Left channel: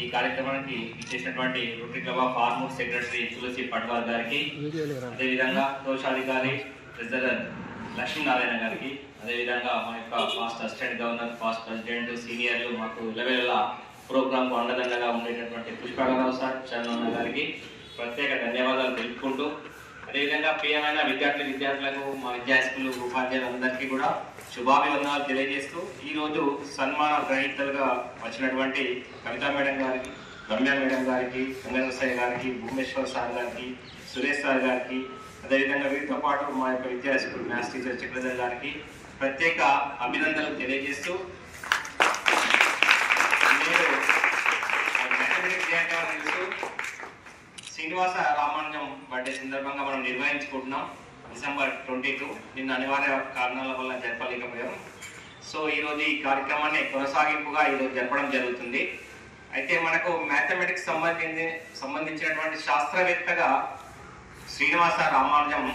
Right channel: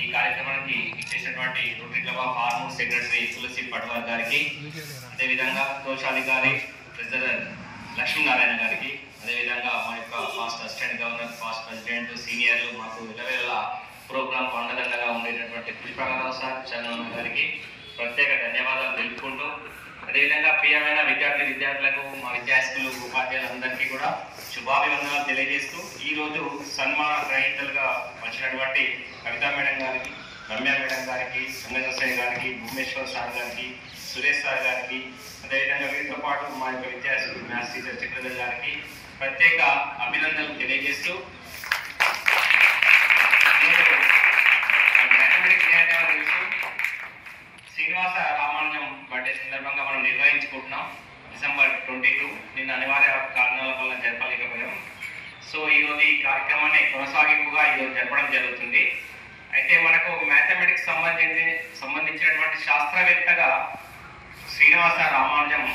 ఈ కార్యక్రమానికి ఇచ్చేసినటువంటి Rotary Club of Armoor secretary Tulasi Patwal గారికి, అదేవిధంగా కోశాధికారి ట్రెజరర్ లక్ష్మీనారాయణ గారికి, అదేవిధంగా మా యొక్క past assistant governor, past president, సీనియర్లు, మాకు లెవెల్ ప్రోగ్రామ్ అండదండగా ఉండేటటువంటి పుష్పగంధరావు సార్, చంద్రన్న గారికి ప్రత్యేక ధన్యవాదాలు తెలుపుకుంటూ, అదేవిధంగా ప్రియమైన విద్యార్థులకు, మా విద్యార్థులు, ఉపాధ్యాయులందరికీ కూడా శుభాభివందనాలు తెలియజేస్తూ, ఈరోజు సన్మాన గ్రహీతలుగా వచ్చినటువంటి కవితా మేడం గారికి, రమ్య మేడం గారికి, సంగమేశ్వర గారికి, భువనేశ్వర్ సార్ గారికి, సురేష్ సార్ గారికి, అదేవిధంగా వీరితో పాటు మా యొక్క విద్యార్థులు మ్యాథ్స్ టీచర్ చక్రధర్ గారికి ప్రత్యేక అభినందనలు తెలియజేస్తూ, శ్రీనివాస రామానుజం బర్త్డే సందర్భంగా మనం నిర్వహించుకుంటున్నాం. డిసెంబర్ 22 నిన్న అనివార్య కారణాల వల్ల జరపలేకపోయాం. సో ఈరోజు ఈ కార్యక్రమాన్ని కొనసాగింపుగా ఈరోజు జరపడం జరుగుతుంది. అయితే మనకు మ్యాథమెటిక్స్ సంబంధించినటువంటి శాస్త్రవేత్తగా శ్రీనివాస రామానుజం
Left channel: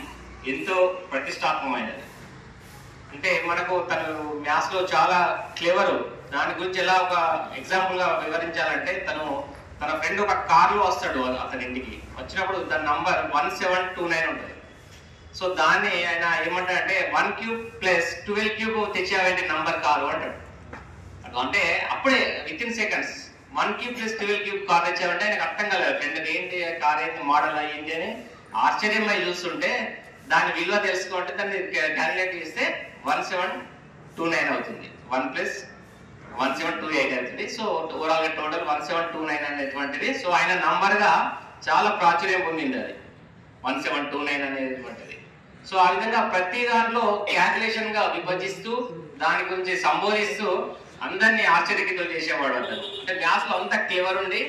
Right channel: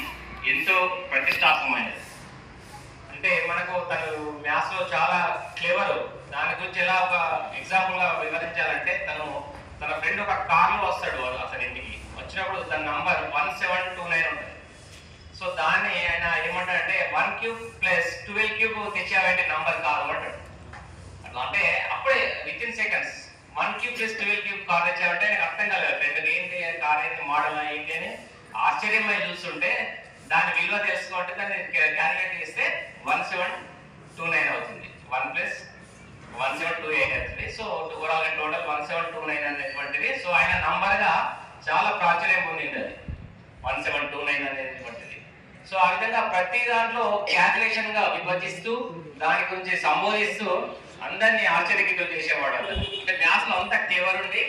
ఎంతో ప్రతిష్టాత్మకమైనది. అంటే మనకు తను మ్యాథ్స్లో చాలా క్లెవర్. దాని గురించి ఎలా ఒక ఎగ్జాంపుల్గా వివరించాలంటే, తన ఫ్రెండ్ ఒక కార్లో వస్తాడు అతని ఇంటికి. వచ్చినప్పుడు దాని నంబర్ 1729 ఉంటుంది. సో దాన్ని ఆయన ఏమంటాడంటే 1 క్యూబ్ ప్లస్ 12 క్యూబ్ తెచ్చేయాలంటే నంబర్ కారు అంటాడు. అంటే అప్పుడే within seconds 1 cube plus 12 cube car తెచ్చామంటే ఆయనకు అర్థం కాలేదు. ఫ్రెండ్ ఏంటి కార్ ఏంటి, మోడల్ ఏంటి అని ఆశ్చర్యంగా చూస్తుంటే దాని విలువ తెలుసుకోవాలంటే దాన్ని క్యాలిక్యులేట్ చేస్తే 1729 అవుతుంది. 1 ప్లస్ 1728 అవుతుంది. సో ఓవరాల్ టోటల్ 1729 అనేటువంటిది. సో ఆయన నంబర్ గా చాలా ప్రాచుర్యం పొందింది అది 1729 అనేటువంటిది. సో ఆ విధంగా ప్రతి దాంట్లో క్యాల్కులేషన్ గా విభజిస్తూ దాని గురించి సంబోధిస్తూ అందరినీ ఆశ్చర్యకితులు చేసేవాడు. అంటే మ్యాథ్స్ లో అంత క్లేవర్ ఉండి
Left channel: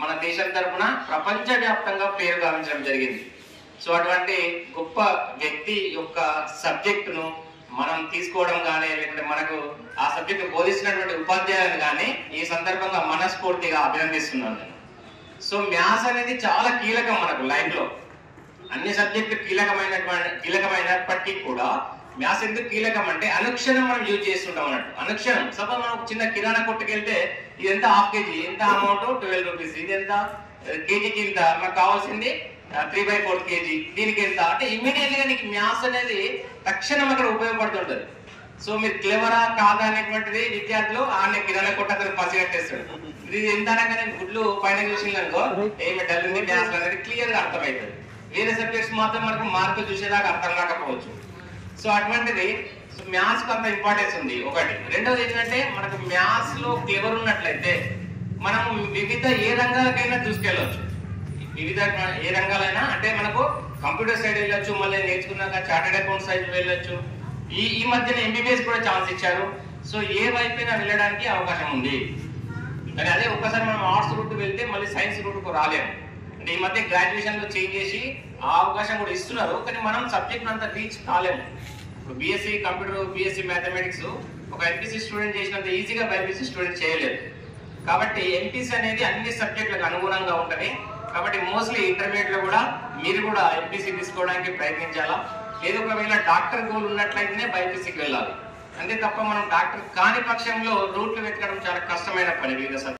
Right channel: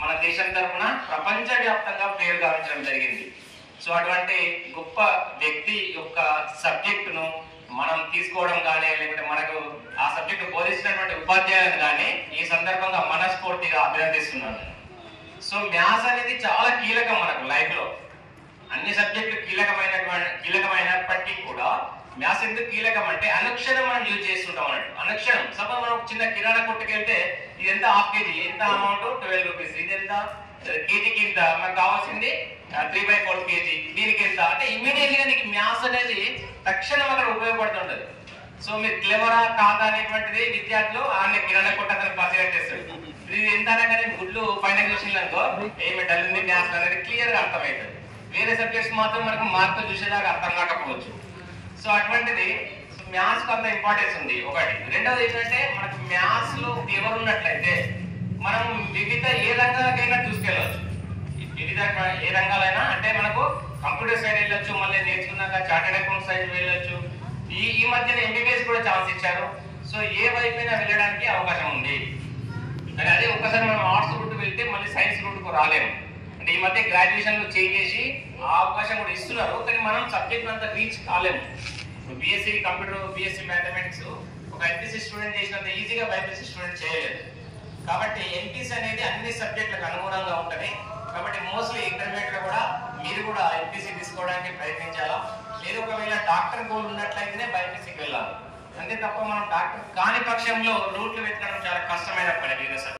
మన దేశం తరఫున ప్రపంచ వ్యాప్తంగా పేరు గావించడం జరిగింది. సో అటువంటి గొప్ప వ్యక్తి యొక్క సబ్జెక్టును మనం తీసుకోవడం కానీ, లేకపోతే మనకు ఆ సబ్జెక్టు బోధించినటువంటి ఉపాధ్యాయులను కానీ ఈ సందర్భంగా మనస్ఫూర్తిగా అభినందిస్తున్నాను. సో మ్యాథ్స్ అనేది చాలా కీలకం మనకు లైఫ్ లో. అన్ని సబ్జెక్టులు కీలకమైనప్పటికీ కూడా మ్యాథ్స్ ఎందుకు కీలకం అంటే అనుక్షణం మనం యూజ్ చేస్తుంటాం అన్నట్టు. అనుక్షణం సపోజ్ మనం చిన్న కిరాణా కొట్టుకు వెళ్తే ఇది ఎంత, హాఫ్ కేజీ ఎంత అమౌంట్, 12 రూపీస్, ఇది ఎంత కేజీకి ఇంత, మనకు కావాల్సింది 3/4 కేజీ, దీనికి ఎంత అంటే ఇమ్మీడియట్ గా నీకు మ్యాథ్స్ అనేది తక్షణం అక్కడ ఉపయోగపడుతుంటది. సో మీరు క్లెవరా కాదా అనేటువంటిది విద్యార్థులు ఆయన కిరాణా కొట్ట అతను పసిగట్టేస్తాడు. ఇది ఎంత అనగానే గుడ్లు పైన చూసినాకో ఏమి డల్ ఉంది మ్యాథ్స్ అనేది క్లియర్ గా అర్థమవుతుంది. వేరే సబ్జెక్ట్స్ మాత్రం మనకు మార్కులు చూసేదాకా అర్థం కాకపోవచ్చు. సో అటువంటిది మ్యాథ్స్ కు అంత ఇంపార్టెన్స్ ఉంది ఒకటి. రెండవది ఏంటంటే మనకు మ్యాథ్స్ లో క్లెవర్ ఉన్నట్లయితే మనం వివిధ ఏ రంగాలకైనా తీసుకెళ్ళవచ్చు. వివిధ ఏ రంగాలైనా అంటే మనకు కంప్యూటర్ సైడ్ వెళ్ళొచ్చు, మళ్ళీ నేర్చుకున్నాక చార్టెడ్ అకౌంట్ సైడ్ వెళ్ళొచ్చు. ఈ మధ్యన ఎంబీబీఎస్ కూడా ఛాన్స్ ఇచ్చారు. సో ఏ వైపైనా వెళ్ళడానికి అవకాశం ఉంది. కానీ అదే ఒక్కసారి మనం ఆర్ట్స్ రూట్ వెళ్తే మళ్ళీ సైన్స్ రూట్ కు రాలేము. అంటే ఈ మధ్య గ్రాడ్యుయేషన్ లో చేసి ఆ అవకాశం కూడా ఇస్తున్నారు, కానీ మనం సబ్జెక్ట్ అంతా రీచ్ కాలేము. ఇప్పుడు బీఎస్సీ కంప్యూటర్, బీఎస్సీ మ్యాథమెటిక్స్ ఒక ఎంపీసీ స్టూడెంట్ చేసినంత ఈజీగా బైపీసీ స్టూడెంట్ చేయలేదు. కాబట్టి ఎంపీసీ అనేది అన్ని సబ్జెక్టులకు అనుగుణంగా ఉంటది. కాబట్టి మోస్ట్లీ ఇంటర్మీడియట్ లో కూడా మీరు కూడా ఎంపీసీ తీసుకోవడానికి ప్రయత్నించాలా. లేదు ఒకవేళ డాక్టర్ గోల్ ఉన్నట్లయితేనే బైపీసీకి వెళ్ళాలి. అంతే తప్ప మనం డాక్టర్ కాని పక్షంలో రూట్లు వెతకడం చాలా కష్టమైన పని.